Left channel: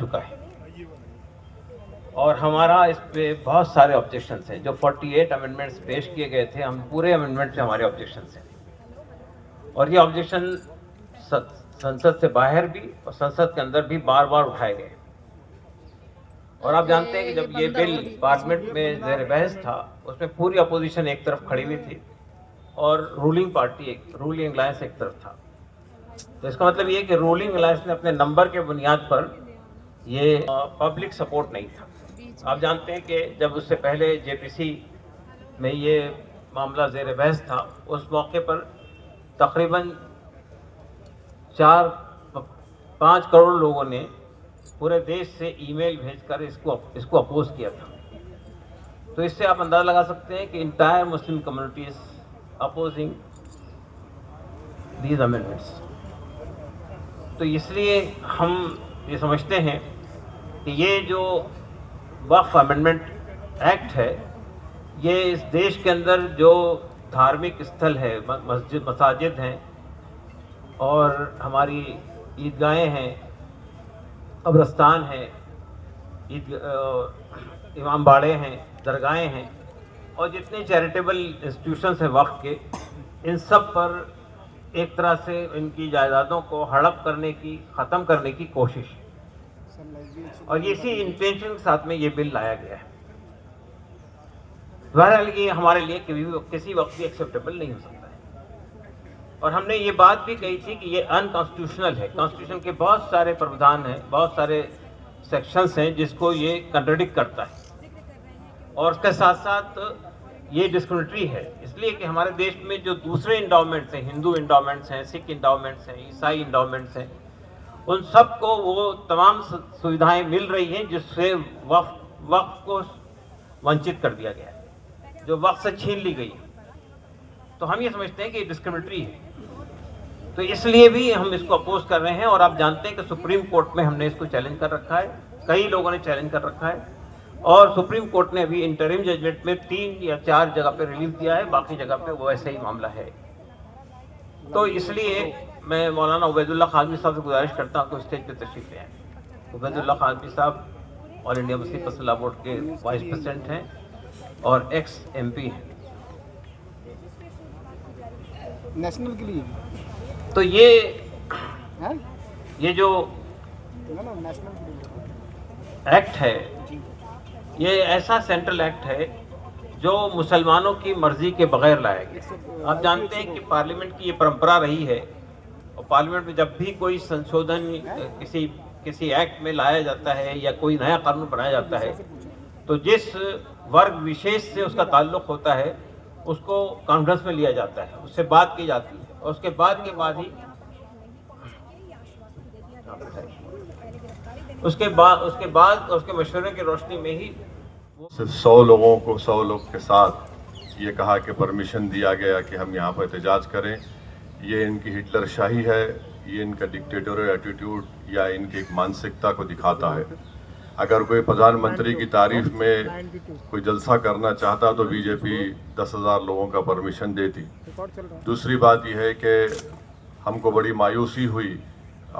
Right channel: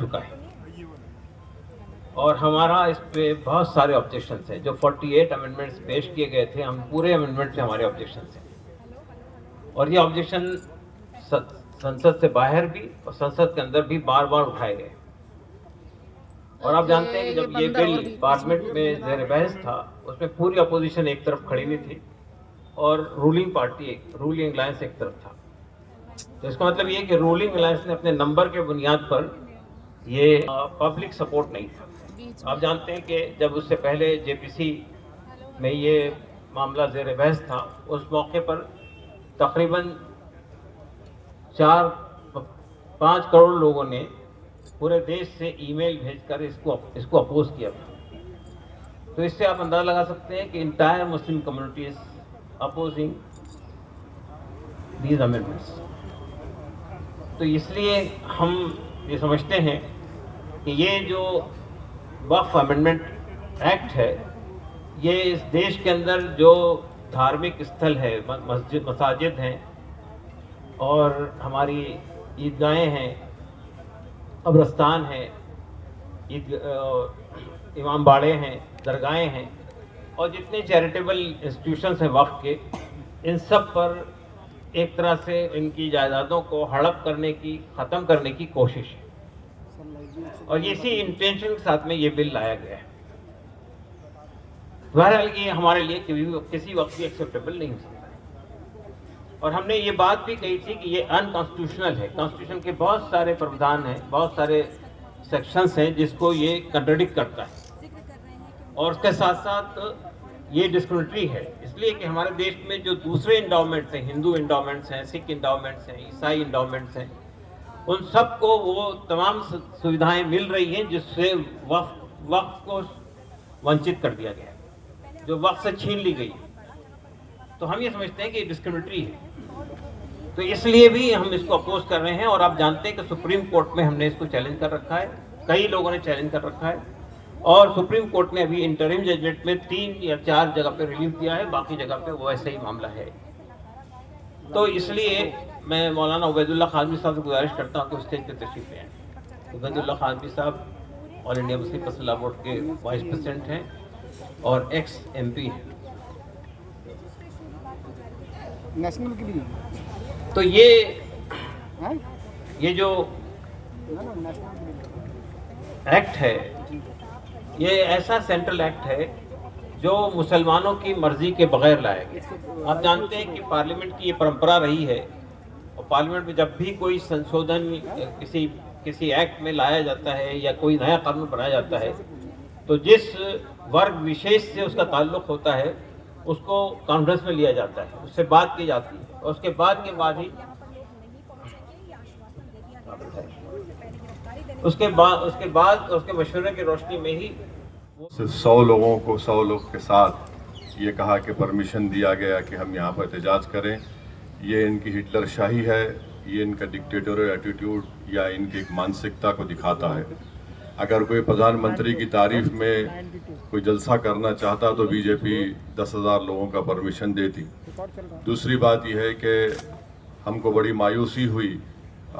चुका है और हमारा इस पे बहुत सारे ऑब्जेक्शंस हैं। जो 48 अमेंडमेंट्स पेश किए गए थे, हम पूरे अमेंडमेंट पे हमारे ऑब्जेक्शंस हैं और ये ऑब्जेक्शन संसद से बाहर भी और संसद के अंदर भी बार बार उठाए गए। और आप जानते हैं कि जब ये बिल पार्लियामेंट में ज़ेर बहस था, उसमें पूरी अपोजिशन एक तरफ खड़ी हुई थी और रूलिंग अलायंस एक तरफ था। तो इसका मतलब ये कि रूलिंग अलायंस ने अपने नंबर के बुनियाद पर ये पब्लिक सपोर्ट नहीं था। आप जानते हैं कि जब उससे पहले जेपीसी में ये मामला ज़ेर बहस था, उस मौके पर तकरीबन 4-5 करोड़ लोगों ने पूरे देश से ईमेल भेजकर इसको अपोज किया था। तो इससे आप अंदाजा लगा सकते हैं कि entire Muslim community is opposing these amendments. तो इसलिए हम ये समझते हैं कि ये जो वक्फ अमेंडमेंट एक्ट है, ये इस देश के अंदर जो धार्मिक स्थल है, मसाजिद हैं और हमारी ईदगाहें हैं, कब्रस्तान हैं, इमाम बाड़े हैं, दरगाहें हैं और जितने चैरिटेबल इंस्टीट्यूशंस हैं वक्फ के, इन सब पर एक तरह से इनकी जायदादों को हड़प करने की, ख़त्म करने की कोशिश है और इसी इंटेंशन के साथ में ये बिल लाया गया है। बहरहाल ये हमारे लिए किसी वक्त भी एक्सेप्टेबल नहीं हो सकता और हमने ये बात भी कही थी कि ये अनकॉन्स्टिट्यूशनल है। कॉन्स्टिट्यूशन के बहुत सारे प्रावधान हैं, बहुत सारे सेक्शंस हैं जिसको ये कंट्राडिक्ट करता है और उसके साथ साथ ये डिस्क्रिमिनेटरी है, इसलिए कि हमारे देश में जो दूसरे इंडाउमेंट्स हैं, हिंदू इंडाउमेंट्स हैं, सिख इंडाउमेंट्स हैं, ईसाई इंडाउमेंट्स हैं, उन सबको वो तमाम सुविधाएं मिल रही हैं जिससे वक्फ को वंचित कर दिया गया है, जो वक्फ से छीन ली गई। तो हम ये समझते हैं कि डिस्क्रिमिनेटरी है, तो इसलिए भी हम इसको अपोज कर रहे हैं। और आप जानते हैं कि सुप्रीम कोर्ट में हमने इसको चैलेंज कर रखा है, कई लोगों ने चैलेंज कर रखा है और सुप्रीम कोर्ट ने अभी इंटरिम जजमेंट में 3 या 4 जगह पे रिलीफ दिया है, बाकी जगह पे वो ऐसा ही मामला है। तो इसलिए मैं मौलाना उबैदुल्ला खाज़मी साहब से गुजारिश करता हूँ कि स्टेज पे तशरीफ ले आए। उबैदुल्ला खाज़मी साहब all India Muslim personal board के वाइस प्रेसिडेंट हैं और एक्स MP हैं। नेशनल के लिए तो ये जो एक्ट है, ये ऐसा सेंट्रल एक्ट है जो मुसलमानों की मर्जी के बगैर लाया गया। आप जानते हैं कि पार्लियामेंट की ये परंपरा रही है और पार्लियामेंट में जब भी कोई संशोधन किसी एक्ट में लाया जाता है या कोई नया कानून बनाया जाता है, तो जिस वर्ग विशेष से उसका ताल्लुक होता है उसको कॉन्फ्रेंस में लिया जाता है, उससे बात की जाती है और उसके बाद ही उसके मशवरे की रोशनी में ही सिर्फ 100 लोग के साथ ये कहा कि परमिशन दिया गया कि हम यहाँ पर एहतजाज करें। ये इनकी हिटलर शाही है, ये इनका डिक्टेटोरियल एटीट्यूड या इनकी एक मानसिकता को दिखाता है। अगर कोई प्रधानमंत्री की तारीफ में कोई जलसा करना चाहता तो बीजेपी 10,000 लोगों का परमिशन देती। दूसरी बात यह है कि हमको बड़ी मायूसी हुई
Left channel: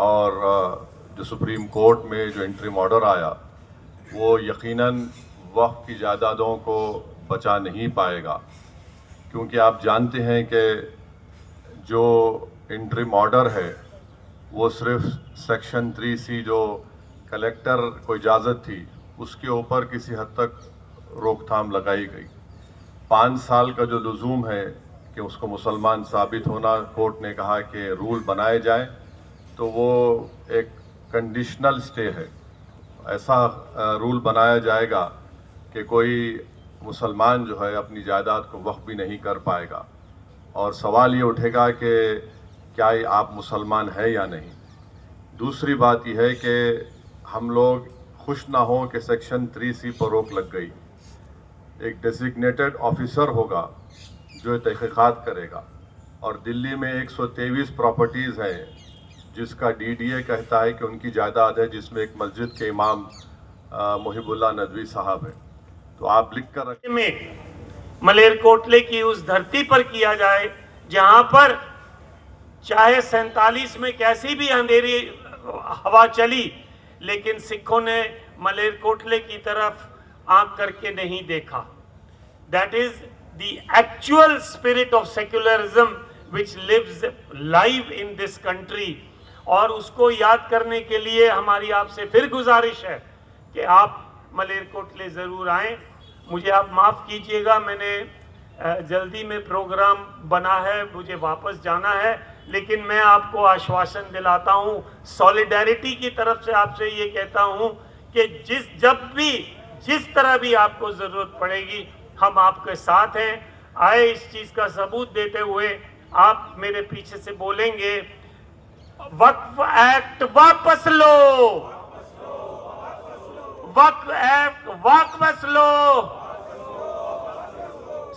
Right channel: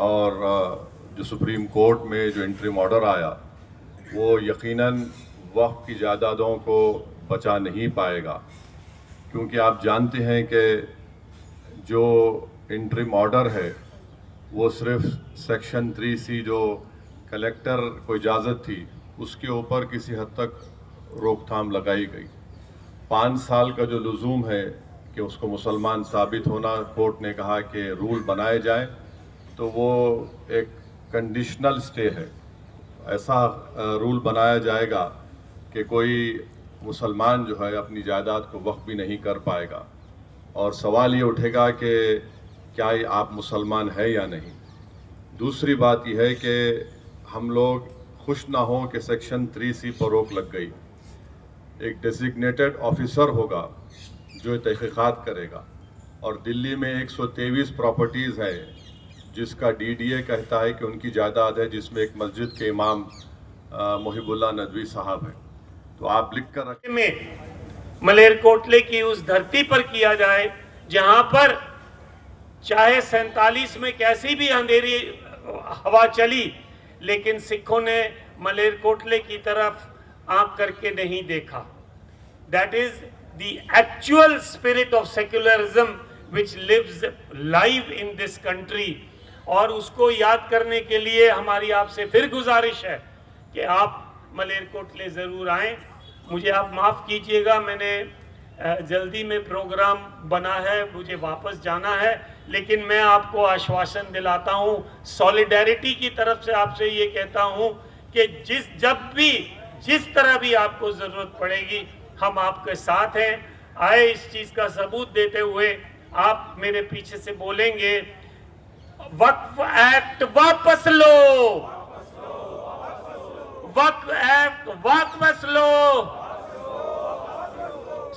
और जो सुप्रीम कोर्ट में जो इंटरिम ऑर्डर आया वो यकीनन वक्फ की जायदादों को बचा नहीं पाएगा, क्योंकि आप जानते हैं कि जो इंटरिम ऑर्डर है वो सिर्फ सेक्शन 3C जो कलेक्टर को इजाज़त थी उसके ऊपर किसी हद तक रोकथाम लगाई गई। 5 साल का जो लुज़ूम है कि उसको मुसलमान साबित होना, कोर्ट ने कहा कि रूल बनाए जाएं, तो वो एक कंडीशनल स्टे है। ऐसा रूल बनाया जाएगा कि कोई मुसलमान जो है अपनी जायदाद को वक्फ भी नहीं कर पाएगा और सवाल ये उठेगा कि क्या आप मुसलमान है या नहीं। दूसरी बात यह है कि हम लोग खुश ना हों कि सेक्शन 3C पर रोक लग गई। एक डेजिग्नेटेड ऑफिसर होगा जो तहकीकात करेगा और दिल्ली में 123 प्रॉपर्टीज़ हैं जिसका DDA कहता है कि उनकी जायदाद है, जिसमें एक मस्जिद के इमाम मुहिबुल्लाह नदवी साहब है। तो आप लिख कर रखें में मलेरकोटले की उस धरती पर किया जाए जहां पर चाहे 47 में कैसी भी अंधेरी हवा चली, लेकिन सिखों ने मलेरकोटले की तरफ आंख करके नहीं देखा। That is the actual spirit of secularism which lives live in this country। और उसको याद करने के लिए हमारी आपसे फिर गुजारिश है कि आप मलेरकोटले ज़रूर आएं। मुझे आप माफ़ कीजिएगा, मैंने जल्दी में प्रोग्राम बना है, मुझे वापस जाना है, लेकिन मैं आपको आश्वासन दिलाता हूं, सॉलिडेरिटी की तरफ से आपसे ये कहता हूं कि जिस तरह भी आपको ज़रूरत पड़ेगी हम आपके साथ हैं। आए इस चीज़ का सबूत देते हुए आप मेरे पीछे से बोलेंगे, वक्फ एक्ट वापस लो, वक्फ एक्ट वापस लो,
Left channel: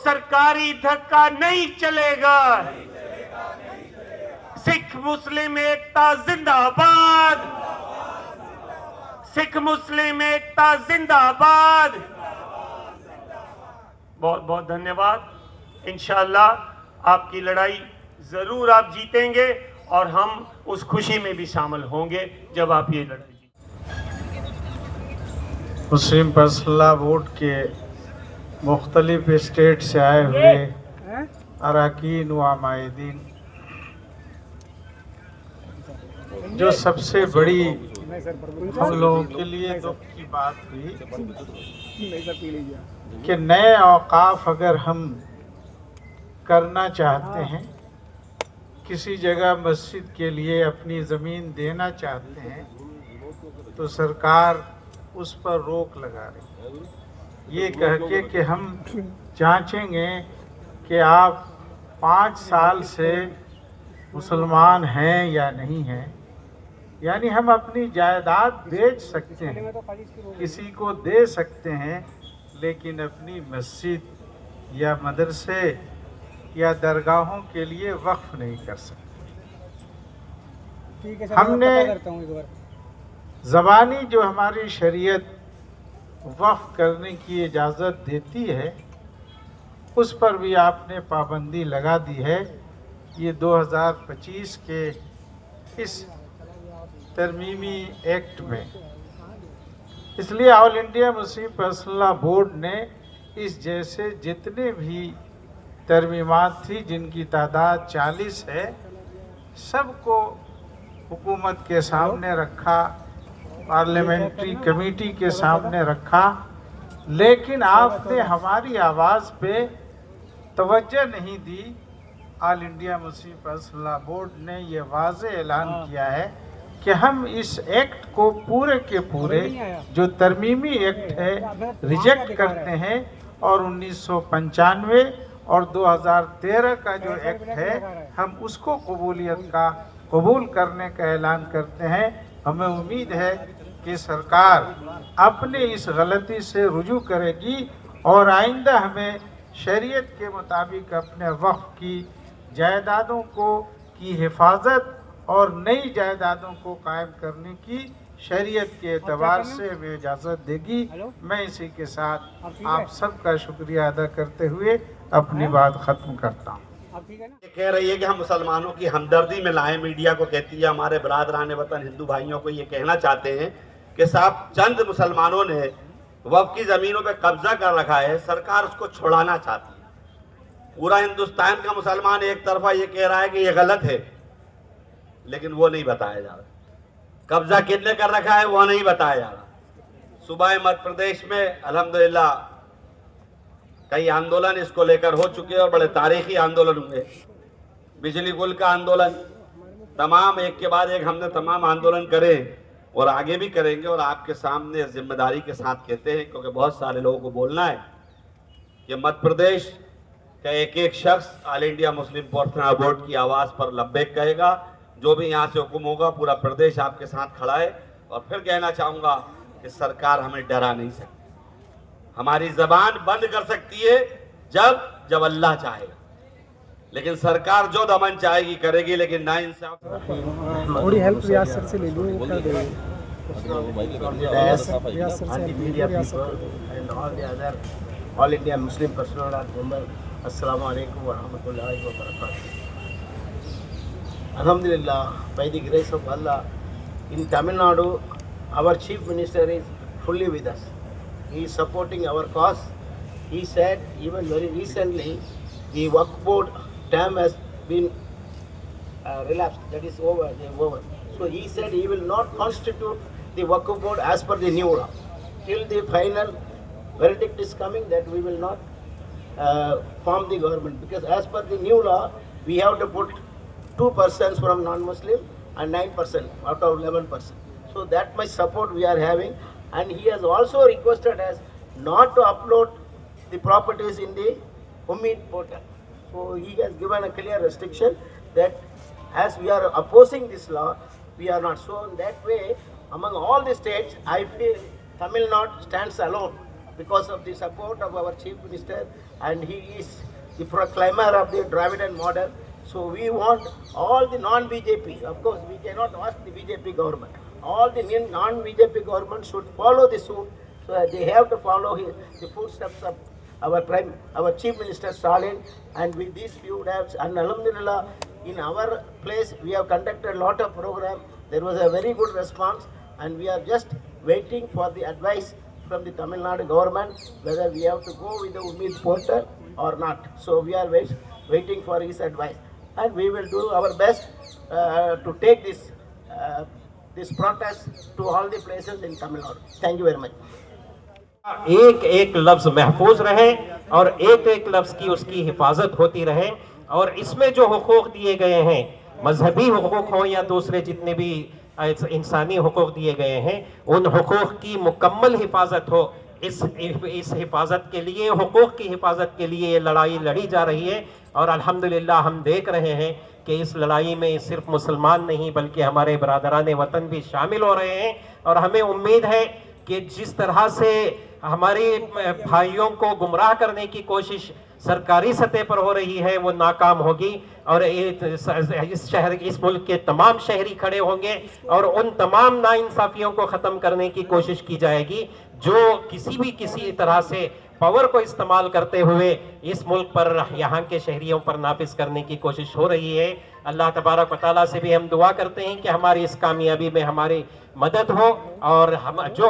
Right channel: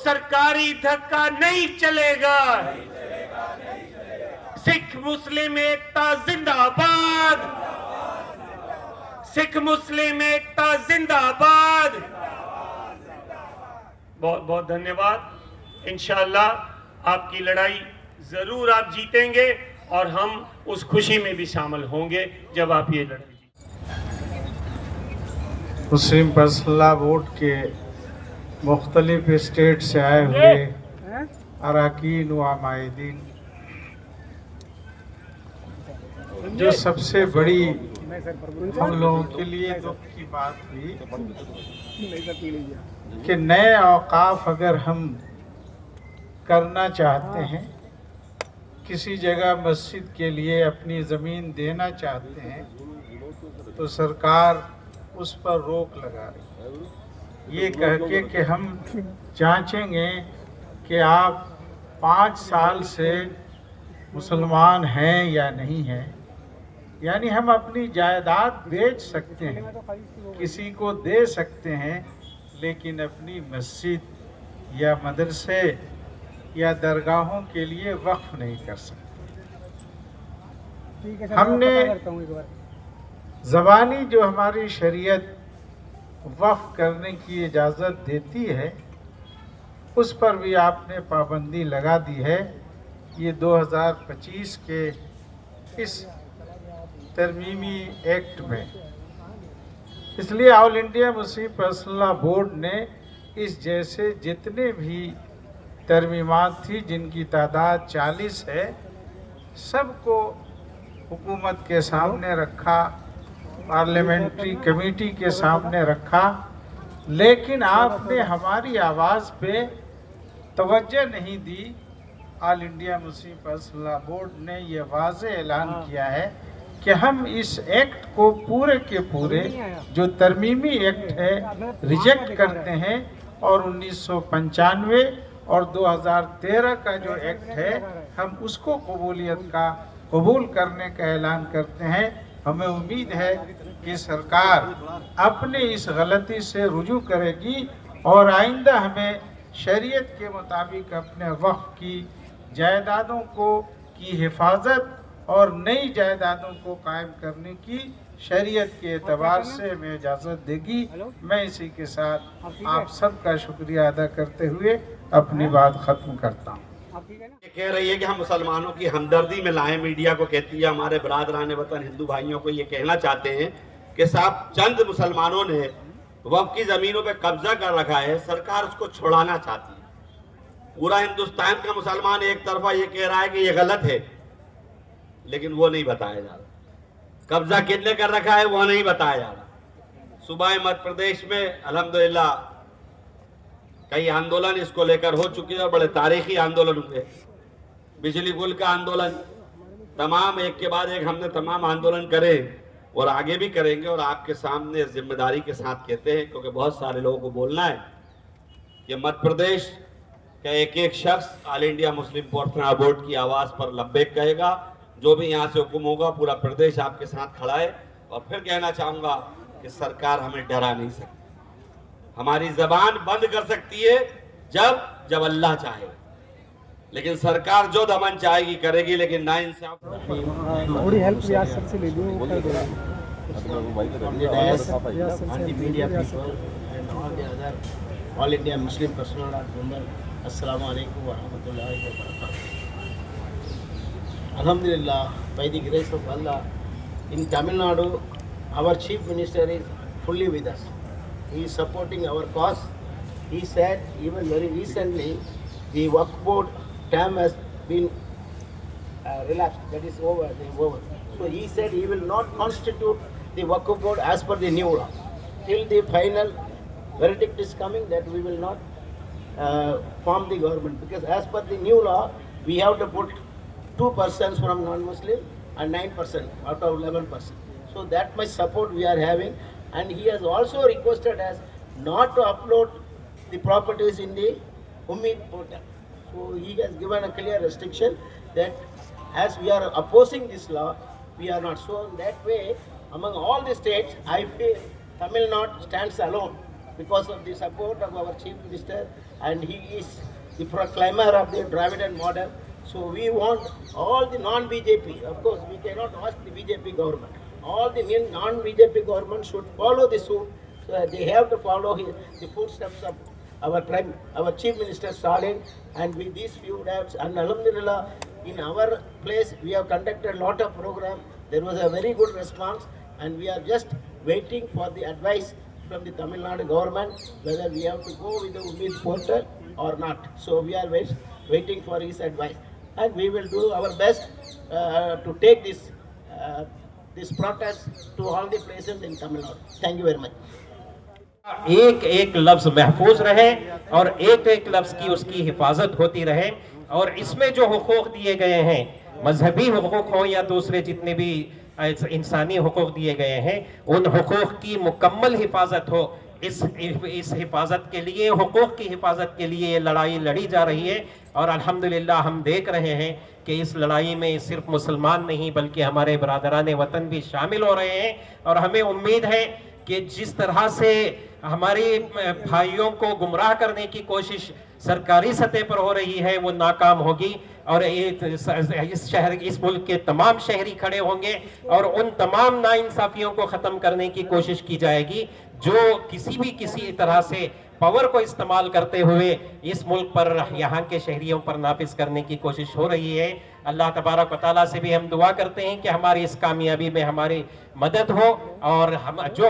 सरकारी धक्का नहीं चलेगा, सिख मुस्लिम एकता जिंदाबाद, सिख मुस्लिम एकता जिंदाबाद। बहुत बहुत धन्यवाद। इंशाअल्लाह आपकी लड़ाई जरूर आप जीतेंगे और हम उस खुशी में भी शामिल होंगे जब आप ये लड़ाई मुस्लिम पर्सनल बोर्ड के मुख्तलिफ स्टेट से आए हुए अरकान व आमादीन, जो सबसे बड़ी हम लोगों के लिए दुख की बात हुई कि नए औकाफ अगर हम करना चाहते हैं, किसी जगह मस्जिद के लिए अपनी ज़मीन देना चाहते हैं, तो सरकार उस पर रोक लगा रही है, ये कह के कि हम जांचेंगे कि आप 5 साल से मुसलमान हैं या नहीं हैं। यानी हम अपनी जायदाद बेच सकते हैं, किसी को दे सकते हैं, लेकिन अपनी मस्जिद या मदरसे या दरगाहों के लिए वक्फ नहीं कर सकते। हमने ज़बानी जो हमारी शरीयत वक्फ करने की इजाज़त देती है, उस पर भी आपने पाबंदी लगा दी है। ये 2025 के इस तरमीमी एक्ट में, इसलिए all India Muslim personal board ने इस जैसे जितने भी तरमीमात थी, जिनकी तादाद 40 है, सबको हुकूमत के सामने रखा, पार्लियामेंट्री कमेटी के सामने रखा, लेकिन आपने हमारी आवाज़ पे तवज्जो नहीं दी। All India Muslim personal board ने ये वाज़ेह ऐलान किया है कि हम इस एक्ट को पूरे के पूरे जो तरमीमी एक्ट है रिजेक्ट करते हैं, और 1995 और 2013 का जो एक्ट है हम उसको कबूल करने का ऐलान करते हैं। हमें उम्मीद है कि सरकार अपने इस गलती से रुजू करेगी और आइंदा हमें शरीयत के मुताबिक अपने वक्फ की जायदादों की हिफाजत और नई जायदादों को कायम करने की शरीयत के एतबार से हमें इजाज़त देगी। मैं इसी के साथ आप सबका शुक्रिया अदा करते हुए अपनी बात ख़त्म करता हूँ। कह रही है कि हम मुसलमानों की हमदर्दी में लाएं, मीडिया को कहती है, हमारे बरादरान वतन हिंदू भाइयों को ये कहना चाहते हैं कि साहब चंद मुसलमानों ने वक्फ की ज़मीनों पे कब्जा कर रखा है, सरकार उसको छुड़ाना चाहती है। पूरा हिंदुस्तान का मुसलमान एक तरफा ये कह रहा है कि ये गलत है, लेकिन वो नहीं बताया जा रहा। कब्जा कितने कर रखा है वो नहीं बताया जा रहा। सूबाए मध्य प्रदेश में अल्हम्दुलिल्लाह कई आंदोलन इसको लेकर हो चुके हैं और बड़े तारीखी आंदोलन हुए। बिजली गुल का आंदोलन, तमाम एक के बाद एक हमने तमाम आंदोलन करे और आगे भी करेंगे, और आपके सामने जिम्मेदारी के साथ कहते हैं, क्योंकि बहुत सारे लोगों को बोलना है कि मध्य प्रदेश का एक एक शख्स all India Muslim personal board की आवाज़ पर लब्बैक कहेगा। जो भी यहाँ से हुक्म होगा पूरा प्रदेश आपके साथ खड़ा है। और फिर कहना चाहूँगा कि सरकार हमें डरा नहीं सकती। हमारी जबान बंद कर सकती है जब अल्लाह चाहे, लेकिन सरकार जो दमन चाहेगी करेगी, लेकिन ना इंसाफ थोड़ी हेल्प रियाज सर से ले लो। All India Muslim personal member, अस्सलामु अलैकुम व रहमतुल्लाहि व बरकातहू। Alhamdulillah, by the grace of Allah, in Tamil Nadu, our Chief Minister is fully with us. He is supporting our cause. He said even very recently the Waqf Board term has been relapsed, that is over, So he said he will not constitute the Waqf Board as per the new law. Till the final verdict is coming that we will not form the government, because as per the new law we have to put 2 persons from non-Muslim and 9% out of 11%. So that much support we are having, and he has also requested us not to upload the properties in the Ummid portal. So he has given a clear restriction that as we are opposing this law, we are not. So in that way, among all the states, I feel Tamil Nadu stands alone because of the support of our Chief Minister, and he is the proclaimer of the Dravidian model. So we want all the non-BJP, of course we cannot ask the BJP government, all the non-BJP government should follow the suit, so that they have to follow the footsteps of our Chief Minister Stalin, and with these few days, and Alhamdulillah, in our place we have conducted a lot of program. There was a very good response, and we are just waiting for the advice from the Tamil Nadu government whether we have to go with the Ummid portal or not. So we are waiting for his advice, and we will do our best to take this protest to all the places in Tamil Nadu. Thank you very much. एक एक लफ्ज महफूज रहे और एक एक लफ्ज की उसकी हिफाजत होती रहे, और इसमें जो हुकूक दिए गए हैं, मजहबी हुकूक हो या दूसरे जितने भी इंसानी हुकूक दिए गए हैं, उन हुकूक की मुकम्मल हिफाजत हो। इस हिफाजत के लिए, हुकूक की हिफाजत के लिए ये लड़ाई लड़ी जा रही है, और अल्हम्दुलिल्लाह हम देख रहे हैं कि इस लड़ाई में सिर्फ मुसलमान नहीं बल्कि हमारे बरादरान वतन भी शामिल हो रहे हैं। और हमें उम्मीद है कि जिस तरह से हमारे भाइयों को गुमराह करने की कोशिश सरकारी सतह पर हो रही है वो नाकाम होगी, और इस मुल्क के तमाम शहरी खड़े होंगे और उन तमाम नाइंसाफियों को ख़त्म करने की कोशिश की जाएगी जो किसी तरह से पावर को इस्तेमाल करते हुए इस मुल्क पर, यहाँ के शहरियों पर नाफिज करने की कोशिश हो रही है। अल्लाह तबारक व तआला से भी हम दुआ करते हैं कि हमारी इस कामयाबी में हमारी मदद हो, और हम जो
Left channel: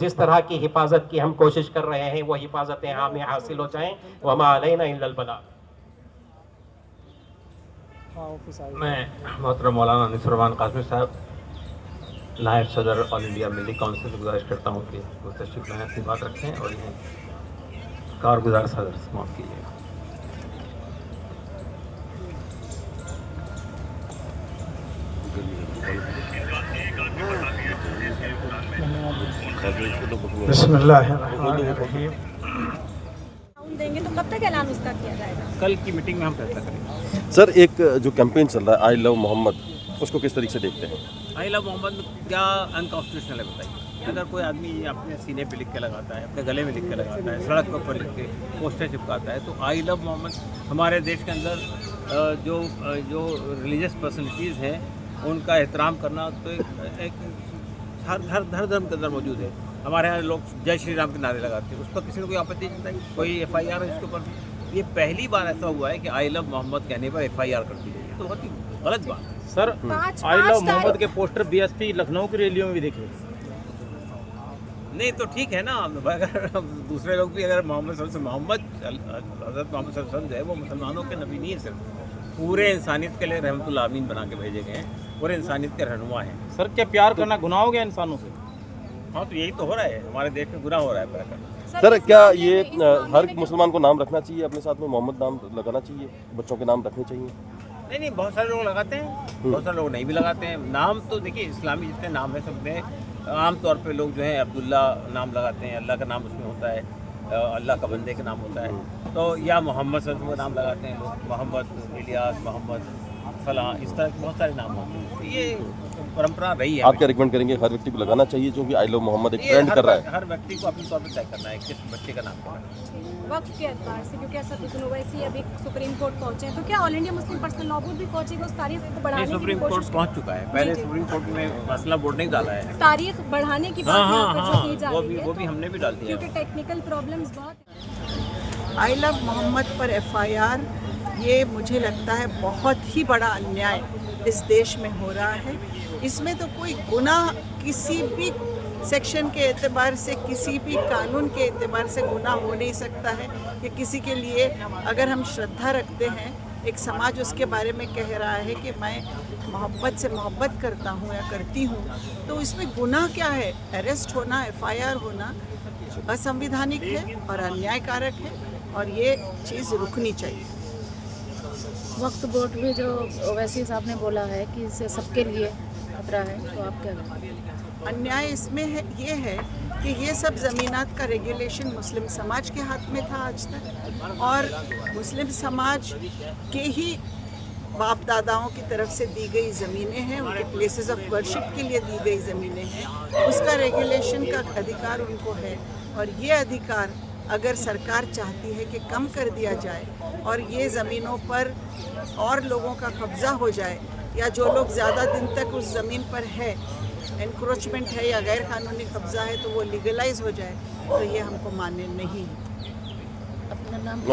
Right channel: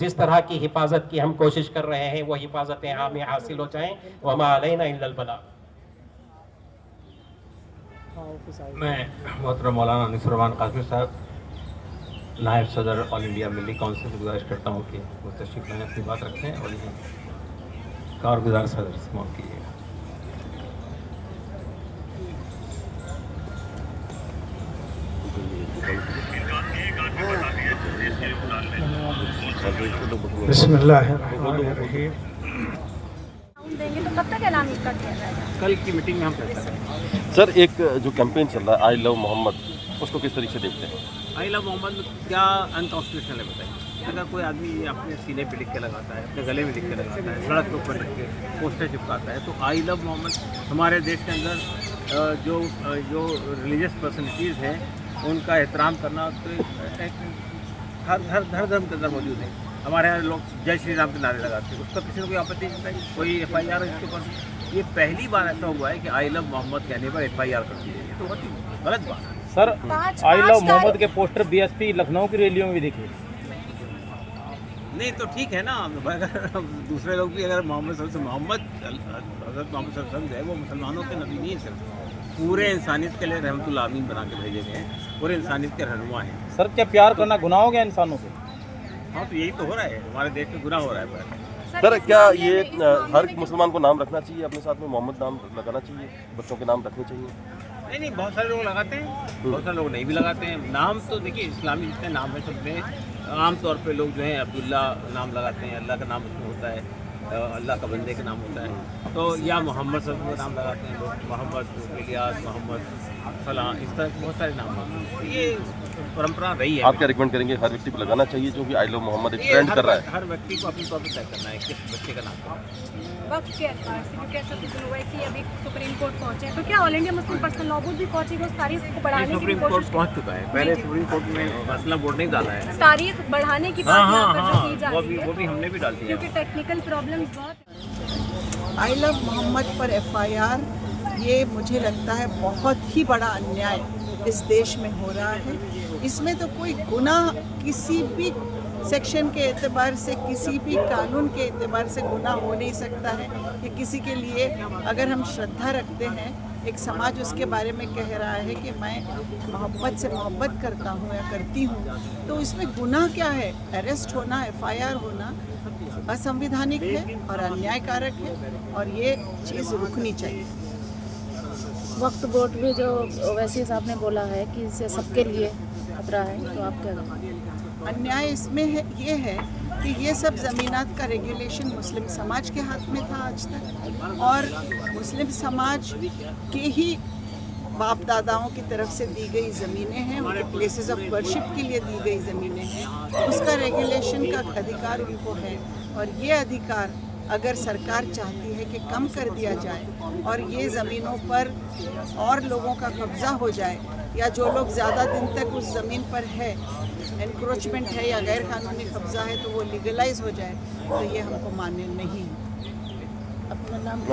जिस तरह की हिफाजत की हम कोशिश कर रहे हैं वो हिफाजतें हमें हासिल हो जाएं। वमा अलैना इल्लल बलाग। मैं मोहतरम मौलाना नुसरमान कासिम साहब, नायब सदर ऑल इंडिया मिली काउंसिल से गुजारिश करता हूँ कि वो तशरीफ लाने अपनी बात रखें और इन्हें कारगुजार सदर से मौत कीजिए। बिस्मिल्लाहिर्रहमानिर्रहीम। देंगे तो कब तक ऐलान इसका किया जाएगा? कल की मीटिंग में हम फैसला करेंगे। सर, एक जो कैंपेन चल रहा है आई लव मोहम्मद, उसको किस तरीके से देखते हैं? आई लव मोहम्मद में क्या अनकॉन्स्टिट्यूशनल है बताइए? अगर कोई आदमी अपने सीने पे लिख के लगाता है, अपने गले में लिख के लगाता है, सड़क के ऊपर लिख के पोस्टर चिपकाता है, तो आई लव मोहम्मद हमारे देश के अंदर जो रिलीजियस पर्सनैलिटीज़ हैं उनका एहतराम करना तो एक हर धर्म के अंदर मौजूद है। हमारे यहाँ लोग जय श्री राम के नारे लगाते हैं, उस पर किसी ने कोई आपत्ति नहीं बताई, कोई FIR है इसके ऊपर। ये पहली बार ऐसा हुआ है कि आई लव मोहम्मद कहने पर FIR कर दी है, तो बहुत ही गलत बात है। सर, आई लव मोहम्मद के पोस्टर BSP लखनऊ की रैलियों में भी देखे। नहीं तो ठीक है ना, अगर दूसरे लोग भी अगर मोहम्मद हज़रत मोहम्मद है वो मुसलमानों के नबी नहीं है, सिर्फ पूरे इंसानियत के लिए रहमतुल आमीन बना के भेजे गए हैं, पूरे इंसानियत के रहनुमा हैं। सर, क्या प्यार करना गुनाह हो गया इंसानों से? हाँ, तो यही तो हो रहा है, हमारे देश में गुनाह हो रहा है। सर, क्या ये हर मुसलमान को नाम रखना चाहिए, अपने साथ में मोहम्मद नाम लगाना चाहिए, बच्चों के नाम रखने चाहिए? नहीं, बहुत सारे लोग लगाते हैं, बहुत सारे लोग नहीं भी लगाते हैं। नाम तो देखिए इस्लामी जितने नाम है सब में आमतौर पे लोग जो है अब्दुल्ला नाम लगाते हैं, अल्लाह का नाम उसमें होता है, अल्लाह का बंदे का नाम होता है, तो या मोहम्मद सल्लल्लाहु अलैहि वसल्लम का नाम लगाते हैं लोग, मोहम्मद इलियास, मोहम्मद फलां, इस तरह के बहुत सारे नाम होते हैं। ये परंपरा रही है। आप क्या रिकमेंड करेंगे, हर व्यक्ति को लगाना चाहिए जो कि आई लव मोहम्मद एक ट्रेंड कर रहा है? हर व्यक्ति को अपनी तौर पर तय करना है किस बच्चे का नाम क्या है। वक्त के एतबार से क्योंकि ऐसा कुछ नहीं हुआ, इसी अभी सुप्रीम कोर्ट पहुंचे हैं, तो क्या all India Muslim personal law board भी पहुंचेगा उस तारीख को बढ़ाने की? सुप्रीम कोर्ट पहुंच चुका है, पहले सुप्रीम कोर्ट में मसला बोर्ड नहीं डाला है, तारीख बढ़ाने की बात यहाँ पर जो की जा रही है, वो भी हमने भी डाल दिया क्योंकि टेक्निकल प्रॉब्लम्स बहुत। आई लव मोहम्मद पर FIR, ये मुझे लगता है बहुत ही बड़ा अन्याय इस देश में हो रहा है। इसमें तो कोई गुनाह किसी भी सेक्शन के एतबार से, किसी भी कानून के एतबार से गुनाह हो नहीं सकता है कि किसी के लिए अगर हम श्रद्धा रखते हैं, एक समाज उसके बारे में कह रहा है कि मैं मोहब्बत से मोहब्बत करता हूँ या करती हूँ, तो इसमें गुनाह क्या है? अरेस्ट होना, FIR होना असंवैधानिक है और अन्यायकारक है और ये चीज़ रुकनी चाहिए। वक्फ बोर्ड में जो ओवैसी साहब ने बोला है कि इससे सबके लिए खतरा है, तो आप क्या कहेंगे? अन्याय इसमें है, ये है कि ये सब ज़मीनात का रेगुलेशन मुस्लिम समाज के हाथ में था आज तक, और मुस्लिम समाज के ही बाप दादाओं की तरफ से दी गई ज़मीनें हैं, उनके प्लेसेस ऑफ वर्शिप के लिए दी गई ज़मीनें हैं, उसका रेगुलेशन का अधिकार उनको है। और ये अधिकार अगर सरकार चाहती है कि कम कर दिया जाए और ये ज़मीनों पर और लोगों का कब्ज़ा हो जाए, या जो लोग ज़्यादा दिन तक उस ज़मीन पर है, एनक्रोचमेंट है या गैर कानूनी कब्ज़ा है, तो वो लीगलाइज हो जाए, तो ये हमको मान्य नहीं है। अपना नाम